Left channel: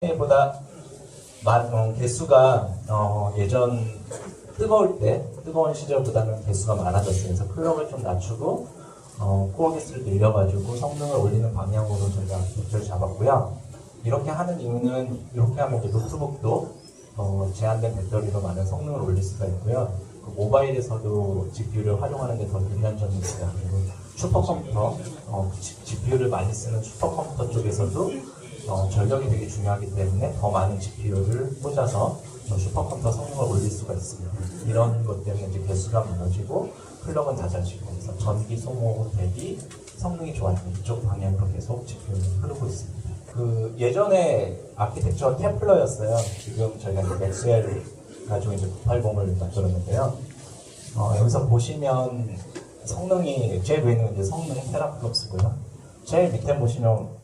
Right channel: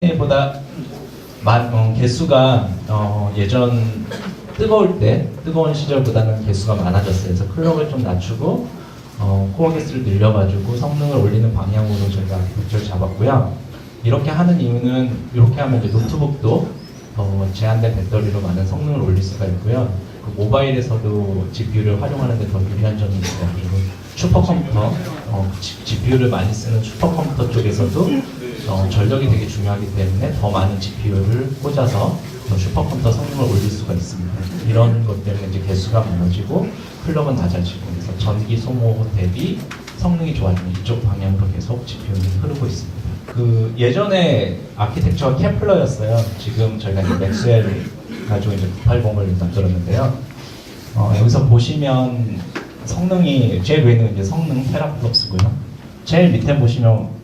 보다 개수가 예전 뜨거운 시절보다는 개수가 많아졌어요. 그래서 클럭을 좀 낮추고 코어 개수를 늘려가지고 성능을 올리는 방향으로 저희가 목표를 잡았고요. 이렇게 하는 이유는 이렇게 하면 이제 노트북도 제한된 배터리로 많은 성능을 올릴 수가 있고요. 그 모바일에서도 GPU를 활용하는데 더 유리한 점이 있어요. 그리고 슈퍼컴퓨터, GPU를 많이 쓰는 슈퍼컴퓨터 쪽에서도 전력이 되게 중요하기 때문에 더 많은 GPU를 꽂아서 더 슈퍼컴퓨터 성능을 올릴 수가 있습니다. 이런 것 때문에 이제 개수가 많아지고 클럭은 낮아지고 그래서 전기 소모 대비 성능이 좋아지는 이쪽 방향으로 계속 GPU는 흐르고 있습니다. 그 예전에 아키텍처가 케플러였어요. 지금 저희가 이제 맥스웰 가지고 이제 980을 만들었는데요. 여기서 보시면 성능이 제일 위에는 이제 성능 테라플롭스고요. 제일 밑에 보시면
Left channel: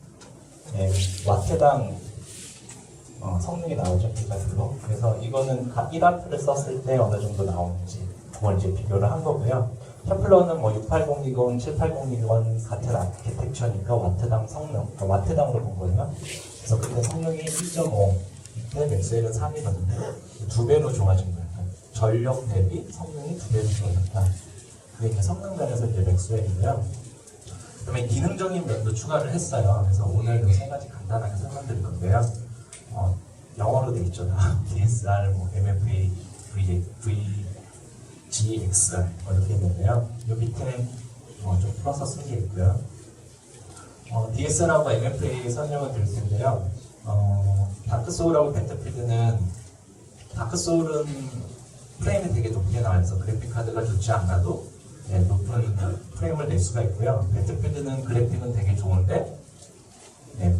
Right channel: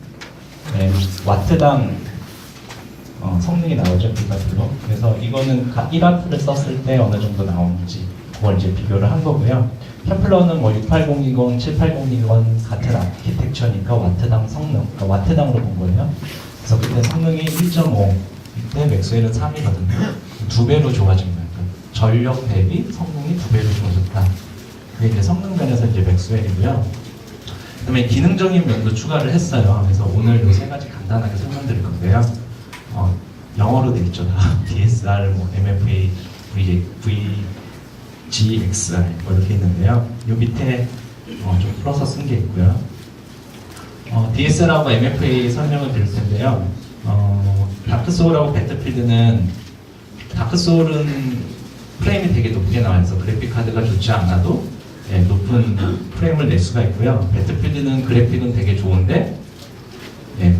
와트당 성능이 나오죠, 비가플로. 그래서 이거는 1와트를 썼을 때 어느 정도 나오는지 그걸 이제 비교를 한 거고요. 캠플러는 뭐 680이건 780이건 같은 아키텍처니까 와트당 성능, 그러니까 와트당으로 본 거예요. 그래서 그때 성능이 1.5, 이때 맥스웰은 3이거든요. 2배로 좋아진 거예요. 그러니까 전력 대비 성능이 2배로 좋아졌다. 그게 이제 성능 면에서 이제 맥스웰이고요. 그다음에 기능적인 면도 추가를 했어요. 그래서 오늘 이 세 가지 간단하게 설명드릴 건데요. 영어로 돼 있죠. DSR, MFA, VGXR 뭐 이렇게 있는데요. 이 밑에 좀 풀어서 쓴 게 있고요. DSR하고 MFA 설명을 드릴 텐데요. 다크소울하고 배틀필드는 다크소울은 프레임이 되게 높게 나와서 그래픽 카드가 좋지 않아도 높은 프레임을 낼 수가 있고요. 배틀필드는 그래픽은 되게 좋은데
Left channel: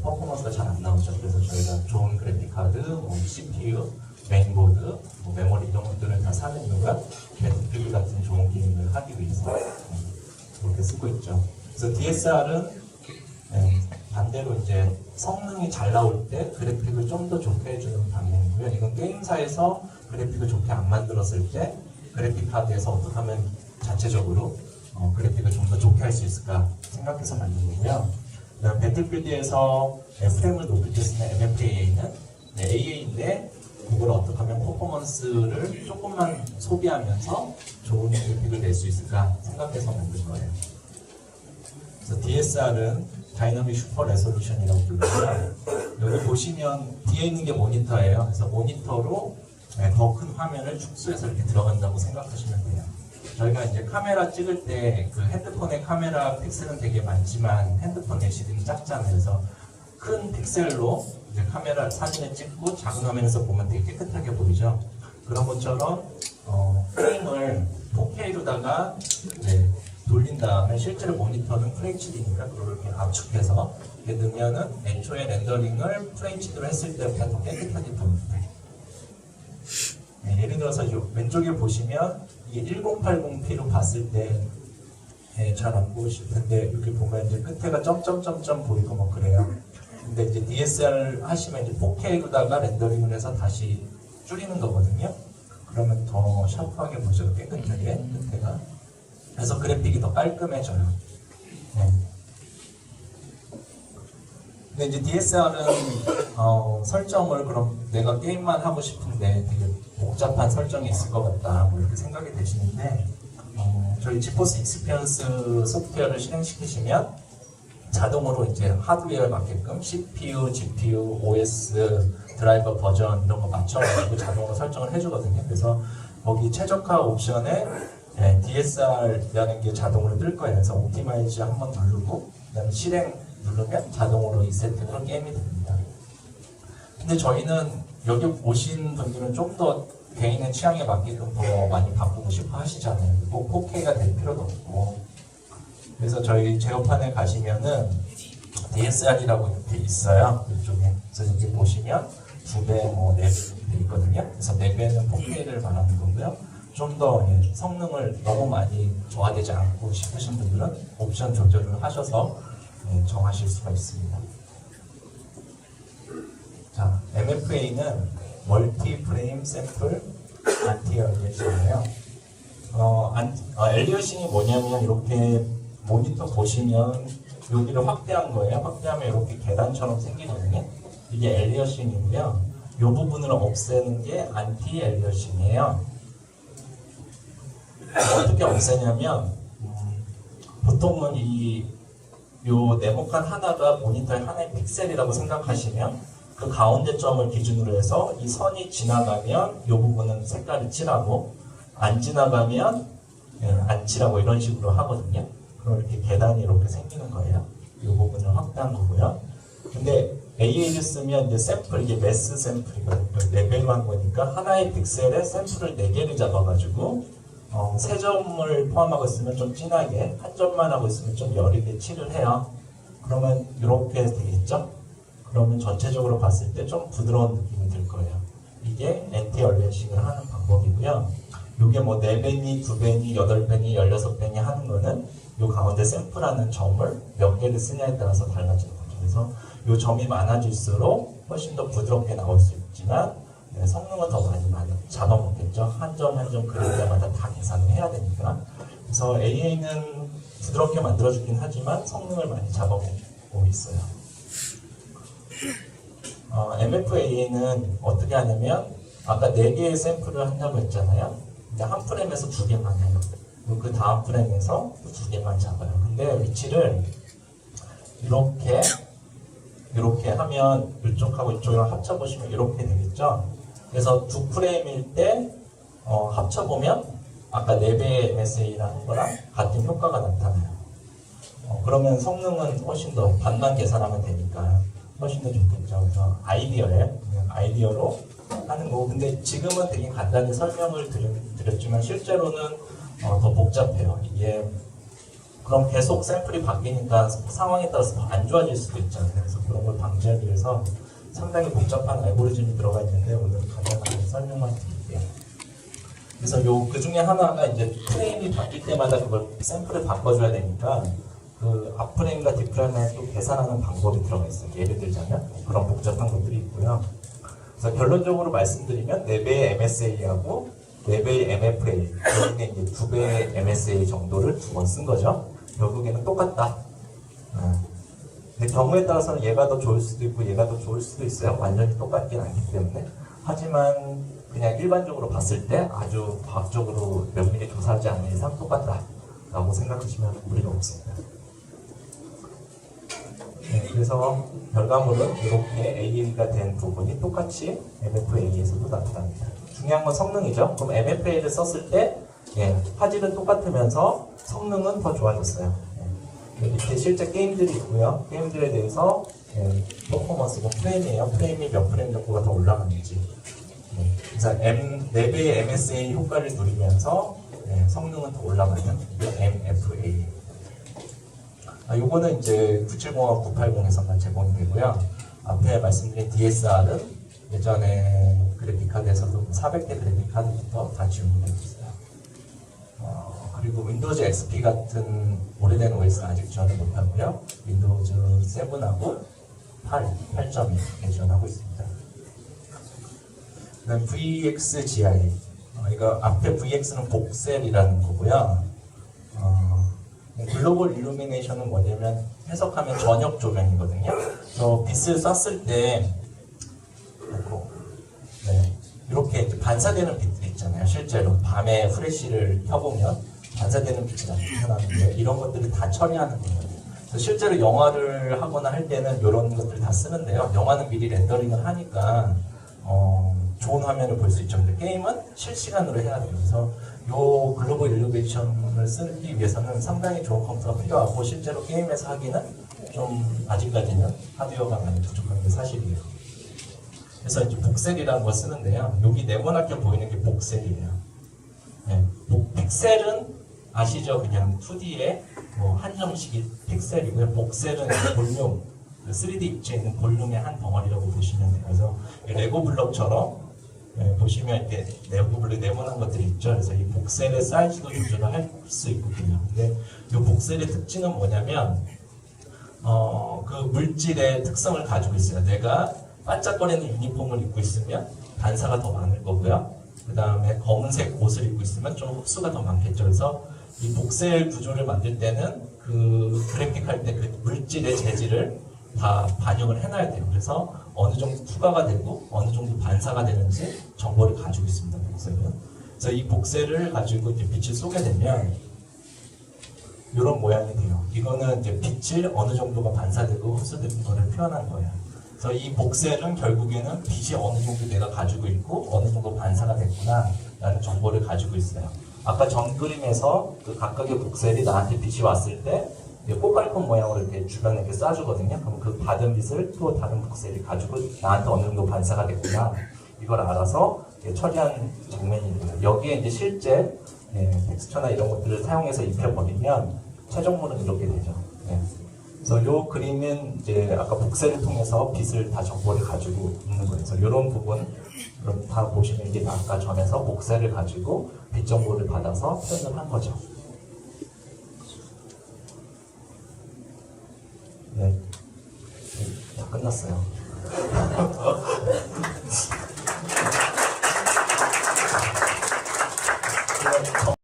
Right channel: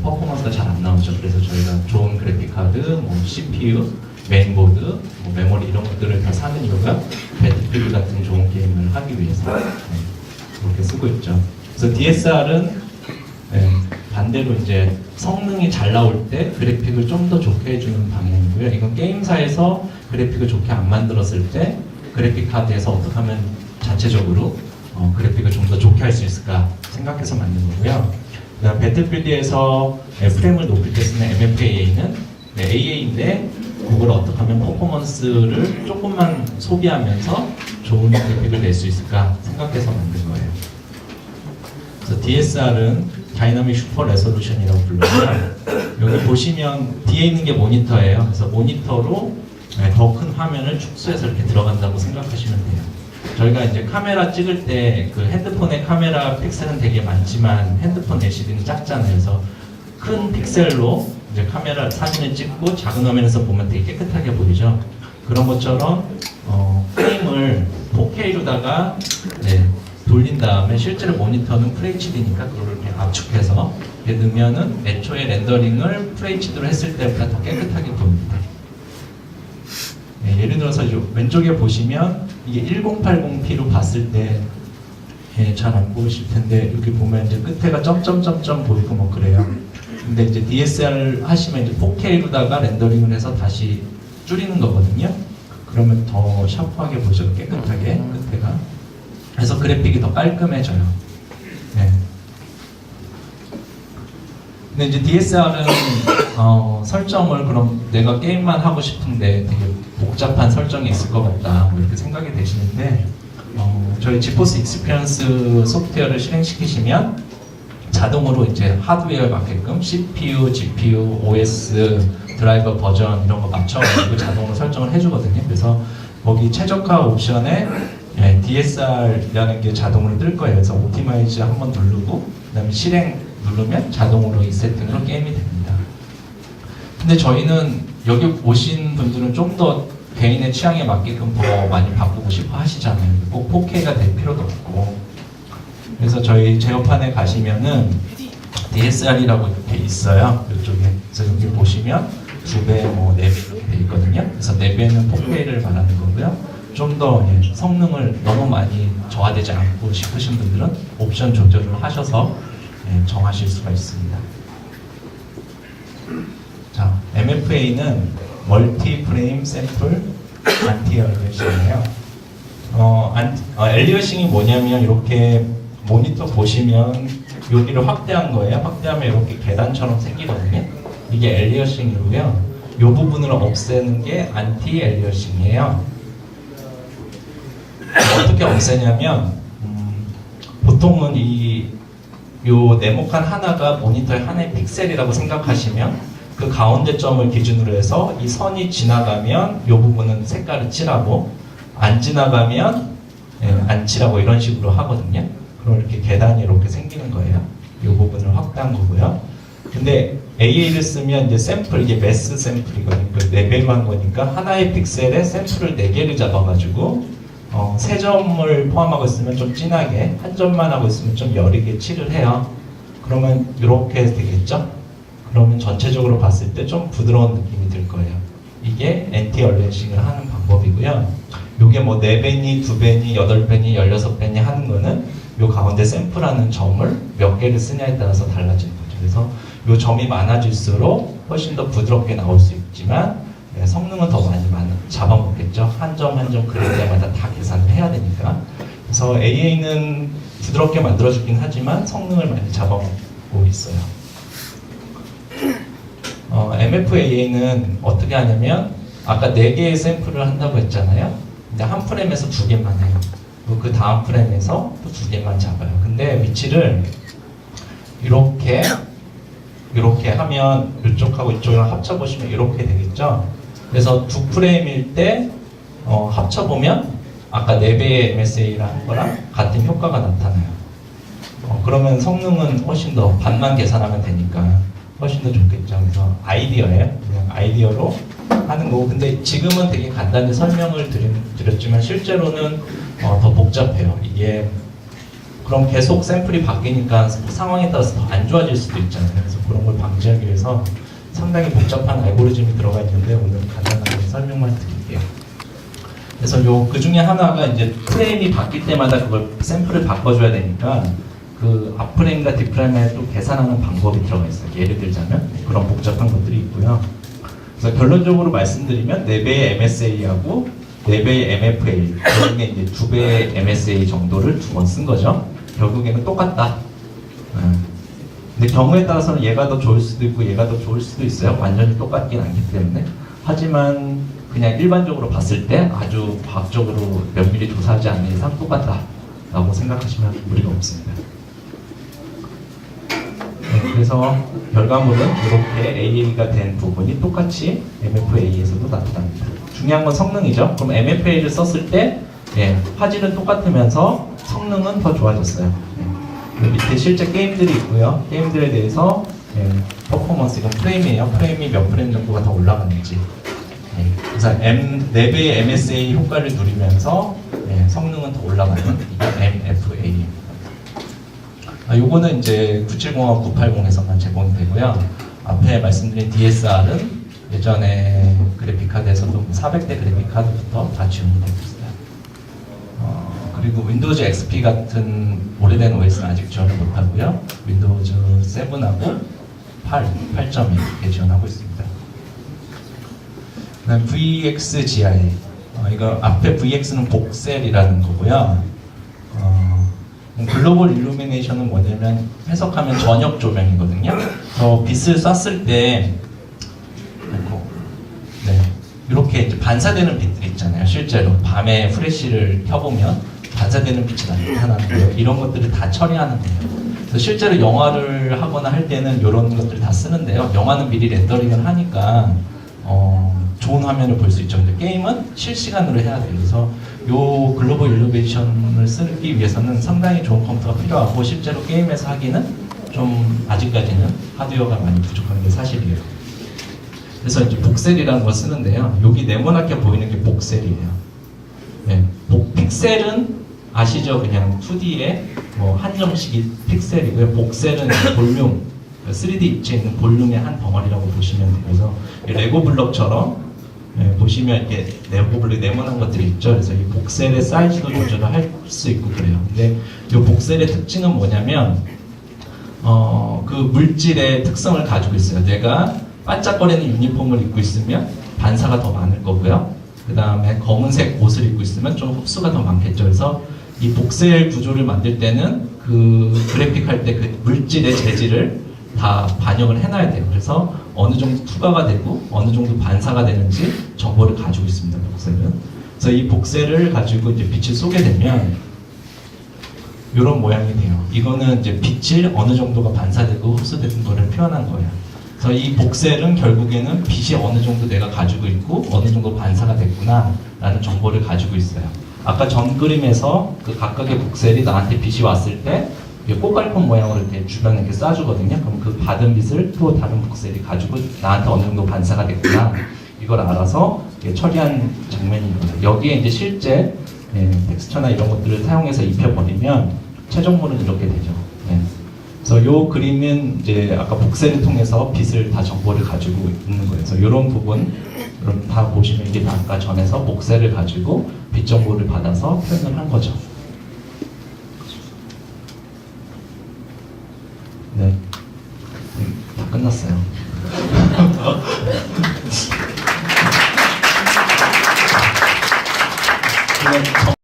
퍼포먼스가 잘 안 나오죠. 그래서 저희가 좋은 그래픽 카드, CPU, 메인보드, 메모리 이런 것들을 다 사는 이유가 배틀필드 같은 좋은 게임을 하기 위해서 그렇게 쓰고 있죠. 그래서 DSR은 반대로 이제 성능이 잘 나올 때 그래픽을 좀 더 좋게 해주는 방향이고요. 이건 게임사에서 그래픽을 좋게 안 만들었을 때 그래픽 카드에서 어떻게 하면 자체적으로 그래픽을 좀 더 좋게 할 수 있을까 생각해서 만든 거고요. 그다음 배틀필드에서 프레임을 높일 때 쓰는 MFA는 AA인데 그걸 어떻게 하면 퍼포먼스를 조금만 소비하면서 좋은 그래픽을 낼 수 있을까 생각해서 만든 거예요. 그래서 DSR은 다이나믹 슈퍼 레솔루션이라고 불러요. 여기 보시면 뒤에 있는 게 모니터예요. 그래서 모니터로 더 큰 화면을 축소해서 이렇게 들어간다고 생각하시면 돼요. 저희가 이제 카메라 찍을 때 그 핸드폰의 카메라 픽셀은 되게 많지만 핸드폰 LCD는 작잖아요. 그래서 큰 픽셀로 이제 카메라 사진을 찍고 작은 화면에서 보면 되게 깨끗하게 보이죠. 그런 것처럼 프레임을 4K로다가 돌린 다음에 실제로 모니터는 FHD니까 그걸 이렇게 압축해서 이렇게 넣으면은 애초에 렌더링을 FHD로 했을 때보다 더 깨끗하게 보입니다. 예를 들어서 왼쪽에 보시면 이게 1080p로 봤을 때 잘 안 보이실 텐데 여기 보면 이제 끝에가 점점점점 보이고 뭐 그래요. 근데 이제 DSR 하시면 이제 4K로다가 렌더링을 해서 다시 줄이는 거거든요. 그러면 더 샤프하게 보이죠. 깨끗하게 끝에가. 그래서 그래픽이 더 깔끔해져요. 근데 이제 DSR은 설정을 그럼 내가 게임만 하고 싶은데 되게 복잡한 설정이 있을 것 같다 뭐 이렇게 생각이 되시는데 저희 지포스 익스피리언스 소프트웨어를 실행시키시면 자동으로 이제 하드웨어에 맞게끔 CPU, GPU, OS, 드라이버 버전 이런 거 맞춰가지고 자동으로 설정을 해주거든요. 그래서 거기 최적화 옵션에 DSR이라는 게 자동으로 뜰 거예요. 그래서 옵티마이즈 한번 누르고 그다음에 실행 누르면 자동으로 이 세팅으로 게임이 됩니다. 근데 저희는 여기 오신 분들은 좀 더 개인의 취향에 맞게끔 더 많이 바꾸고 싶어 하시잖아요. 꼭 4K가 될 필요도 없고. 그래서 저희 제어판에 가시면은 DSR이라고 이렇게 있어요. 이쪽에. 그래서 여기 보시면 2배, 4배 이렇게 돼 있거든요. 그래서 4배는 4K를 말하는 거고요. 좀 더 성능을 너무 많이 저하되지 않고 싶으신 분들은 옵션 조절을 하셔서 정하실 수가 있습니다. 자, MFA는 멀티 프레임 샘플 안티 엘리어싱이에요. 엘리어싱이 뭐냐면 이렇게 모니터 보시면 여기를 확대한 거예요. 확대하면 이렇게 계단처럼 생기거든요. 이게 엘리어싱이고요. 이 부분을 없애는 게 안티 엘리어싱이에요. 어떻게 없애냐면 보통은 요 네모칸 하나가 모니터의 하나의 픽셀이라고 생각하시면 그 가운데 점을 기준으로 해서 이 선이 지나가면 이 부분은 색깔을 칠하고 안 지나가면 안 칠하고 이런 식으로 하거든요. 그럼 이렇게 계단이 이렇게 생기는 거예요. 이 부분을 확대한 거고요. 근데 AA를 쓰면 이제 샘플, 이게 매스 샘플이거든요. 4배로 한 거니까 하나의 픽셀에 샘플을 4개를 잡아가지고 세 점을 포함하고 있으면 좀 진하게, 한 점만 하고 있으면 좀 여리게 칠을 해요. 그러면 이렇게 되겠죠? 그러면 전체적으로 봤을 때 좀 부드러운 느낌이 들 거예요. 이게 엔티 얼레싱을 하는 방법이고요. 이게 뭐 4배니, 2배니, 8배니, 16배니 하는 거는 이 가운데 샘플하는 점을 몇 개를 쓰냐에 따라서 달라지는 거죠. 그래서 이 점이 많아질수록 훨씬 더 부드럽게 나올 수 있지만 성능은 더 많이 잡아먹겠죠. 한 점 한 점 그릴 때마다 다 계산을 해야 되니까. 그래서 AA는 부드럽게 만들어주긴 하지만 성능을 많이 잡아먹고 있어요. MFAA는 어떻게 하냐면 아까 4개의 샘플을 한다고 했잖아요. 근데 한 프레임에서 2개만 해요. 그 다음 프레임에서 또 2개만 잡아요. 근데 위치를 이렇게 하면 이쪽하고 이쪽이랑 합쳐보시면 이렇게 되겠죠. 그래서 2프레임일 때 합쳐보면 아까 4배의 MSA를 한 거랑 같은 효과가 나타나요. 그러면 성능은 훨씬 더 반만 계산하면 되니까 훨씬 더 좋겠죠. 그래서 아이디어예요. 그냥 아이디어로 하는 거고. 근데 지금은 되게 간단히 설명을 드렸지만 실제로는 더 복잡해요. 이게 그럼 계속 샘플이 바뀌니까 상황에 따라서 더 안 좋아질 수도 있잖아요. 그래서 그런 걸 방지하기 위해서 상당히 복잡한 알고리즘이 들어가 있는데 오늘 간단하게 설명만 드릴게요. 그래서 그 중에 하나가 이제 프레임이 바뀔 때마다 그걸 샘플을 바꿔줘야 되니까 그 앞프레임과 뒷프레임에 또 계산하는 방법이 들어가 있어요. 예를 들자면 그런 복잡한 것들이 있고요. 그래서 결론적으로 말씀드리면 4배의 MSA하고 4배의 MFA, 결국에 이제 2배의 MSA 정도를 2번 쓴 거죠. 결국에는 똑같다. 근데 경우에 따라서는 얘가 더 좋을 수도 있고 얘가 더 좋을 수도 있어요. 완전히 똑같긴 않기 때문에. 하지만 그냥 일반적으로 봤을 때 아주 과학적으로 면밀히 조사하지 않는 이상 똑같다라고 생각하시면 무리가 없습니다. 그래서 결과물은 이렇게 AA가 된 부분이 똑같이 MFA에서도 나타납니다. 중요한 건 성능이죠. 그럼 MFA를 썼을 때 화질은 똑같으면서 성능은 더 좋아졌어요. 밑에 실제 게임들이 있고요. 게임들에 대해서 퍼포먼스, 이건 프레임이에요. 프레임이 몇 프레임 정도가 더 올라가는지. 그래서 4배의 MSA 효과를 누리면서 성능은 더 올라가는 이게 MFA입니다. 요거는 이제 970하고 980에서만 제공이 되고요. 앞에 말씀드린 DSR은 예전에 그래픽카드에서도 400대 그래픽카드부터 다 지원이 되고 있어요. 그리고 윈도우즈 XP 같은 오래된 OS는 아직 지원을 못하고요. 윈도우즈 7하고 8.2 이렇게 지원하고 있습니다. 그다음 VXGI, 이거 앞에 VX는 복셀이라는 거고요. 글로벌 일루미네이션은 뭐냐면 해석하면 저녁 조명이거든요. 그래서 빛을 쐈을 때 이렇게 이제 반사되는 빛들 있잖아요. 실제로 밤에 프레쉬를 켜보면 반사되는 빛이 나타나는 거예요. 이런 것들을 다 처리하는 거예요. 그래서 실제로 영화를 하거나 할 때는 이런 것들을 다 쓰는데요. 영화는 미리 렌더링을 하니까 좋은 화면을 볼 수 있죠. 근데 게임은 실시간으로 해야 돼요. 그래서 요 글로벌 일루미네이션을 쓰기 위해서는 상당히 좋은 컴퓨터가 필요하고 실제로 게임에서 하기는 좀 아직까지는 하드웨어가 많이 부족한 게 사실이에요. 그래서 이제 복셀이라는 걸 쓰는데요. 여기 네모나게 보이는 게 복셀이에요. 픽셀은 아시죠? 그냥 2D에 뭐 한 점씩이 픽셀이고요. 복셀은 볼륨, 3D 입체에 있는 볼륨의 한 덩어리라고 보시면 돼요. 그래서 레고 블럭처럼 보시면 이렇게 레고 블럭 네모난 것들이 있죠. 그래서 이 복셀의 사이즈도 조절을 할 수 있고 그래요. 근데 이 복셀의 특징은 뭐냐면 그 물질의 특성을 가지고 있어요. 내가 반짝거리는 유니폼을 입고 있으면 반사가 더 많을 거고요. 그 다음에 검은색 옷을 입고 있으면 좀 흡수가 더 많겠죠. 그래서 이 복셀 구조를 만들 때는 그 그래픽 할 때 그 물질의 재질을 다 반영을 해놔야 돼요. 그래서 어느 정도 투과가 되고 어느 정도 반사가 되는지 정보를 가지고 있습니다. 복셀은. 그래서 이 복셀을 가지고 이제 빛을 쏘게 되면 이런 모양이 돼요. 이거는 이제 빛을 어느 정도가 반사되고 흡수되는 거를 표현한 거예요. 그래서 이 복셀은 결국에는 빛이 어느 정도 내가 가지고 있고 어느 정도 반사가 됐구나 라는 정보를 가지고 있어요. 아까 전 그림에서 그 각각의 복셀이 나한테 빛이 왔을 때 꽃갈콘 모양으로 이렇게 주변에 이렇게 쏴주거든요. 그럼 그 받은 빛을 또 다른 복셀이 가지고 나한테 어느 정도 반사가 됐구나 이걸 알아서 처리한 장면이거든요. 여기에 이제 실제 텍스처나 이런 것들을 사용해서 입혀버리면 최종물은 이렇게 되죠. 그래서 이 그림은 이제 아까 복셀을 통해서 빛을 다 정보를 가지고 있는 거예요. 그래서 이런 부분 다 보시면 이게 다 아까 전에서 복셀을 가지고 빛 정보를 받아서 표현을 한 거죠. 네, 다 끝났어요. 그냥